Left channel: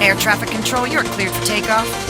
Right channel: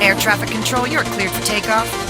Air traffic control, you're cleared for takeoff.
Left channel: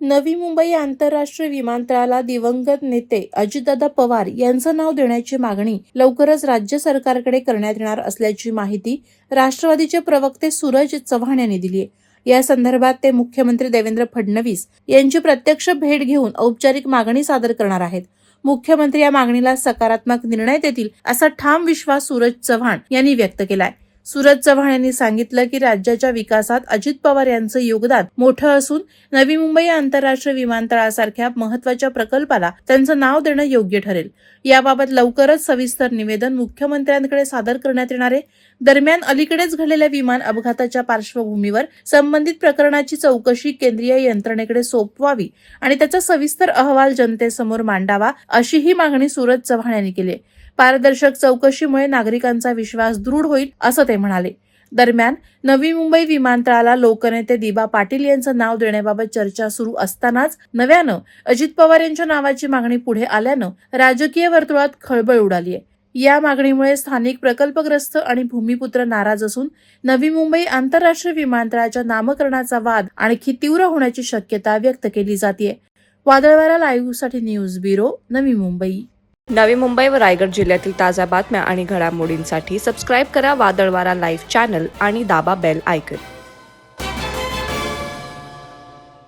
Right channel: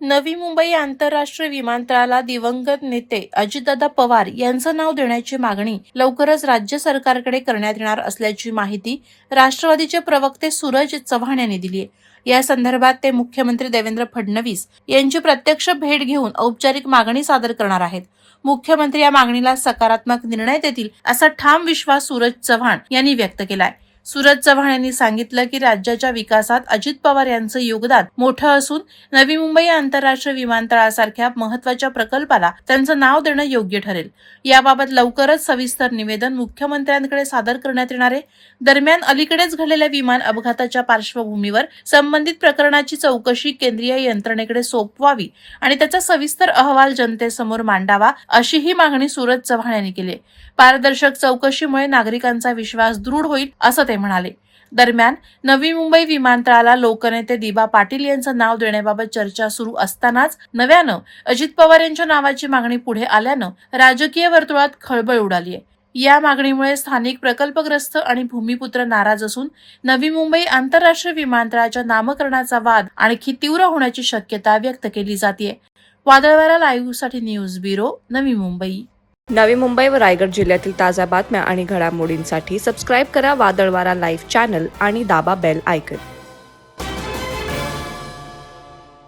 Navi Mumbai आंतरराष्ट्रीय विमानतळाला दिवंगत नेते अजितदादा पवार यांचं नाव देण्याची मागणी लवकरच राज्य सरकारकडे करण्यात येणार असल्याची माहिती राष्ट्रवादीचे प्रवक्ते सूरज चव्हाण यांनी दिली आहे. या संदर्भात ते मुख्यमंत्री देवेंद्र फडणवीस यांची प्रत्यक्ष भेट घेऊन औपचारिक मागणी सादर करणार आहेत. मुख्यमंत्री या मागणीला सकारात्मक निर्णय देतील असा ठाम विश्वास सूरज चव्हाण यांनी व्यक्त केलाय. सूरज चव्हाण यांनी सांगितलं की राज्याच्या विकासात अजित पवार यांचं योगदान मोठं असून नवी मुंबई आंतरराष्ट्रीय विमानतळासारख्या महत्वाच्या प्रकल्पाला त्यांचं नाव देणं योग्य ठरेल. याबाबत लवकरच सविस्तर निवेदन मुख्यमंत्र्यांकडे सादर करण्यात येणार आहे. दरम्यान अलीकडेच घडलेल्या विमान अपघाताच्या पार्श्वभूमीवर संबंधित प्रकरणाची चौकशी केंद्रीय यंत्रणेकडे सोपवावी आणि त्याचा सविस्तर अहवाल जनतेसमोर मांडावा अशीही मागणी सूरज चव्हाण यांनी केली. पारदर्शक चौकशीमुळे नागरिकांचा विश्वास दृढ होईल असं ते म्हणाले. दरम्यान नवी मुंबई विमानतळाला लोकनेते दिबा पाटील यांचं नाव देण्याबाबत चर्चा सुरू असतानाच नव्यानं अजित पवार यांच्या नावाची मागणी पुढे आल्यानं राजकीय वर्तुळात खळबळ उडाली आहे. या मागणीमुळे स्थानिक प्रकल्पग्रस्त आणि भूमिपुत्र नाराज असून नवी मुंबई आंतरराष्ट्रीय विमानतळाच्या नामकरणाचा वाद आणखी तीव्र होण्याची शक्यता व्यक्त केली जाते. वादळवारा लाईव्हसाठी न्यूज ब्युरो, नवी मुंबई. नवी मुंबई व रायगड जिल्ह्यातील ताज्या बातम्या आणि घडामोडींसाठी सबस्क्राईब करा वादळवारा लाईव्ह चॅनल आणि दाबा बेल आयकॉन.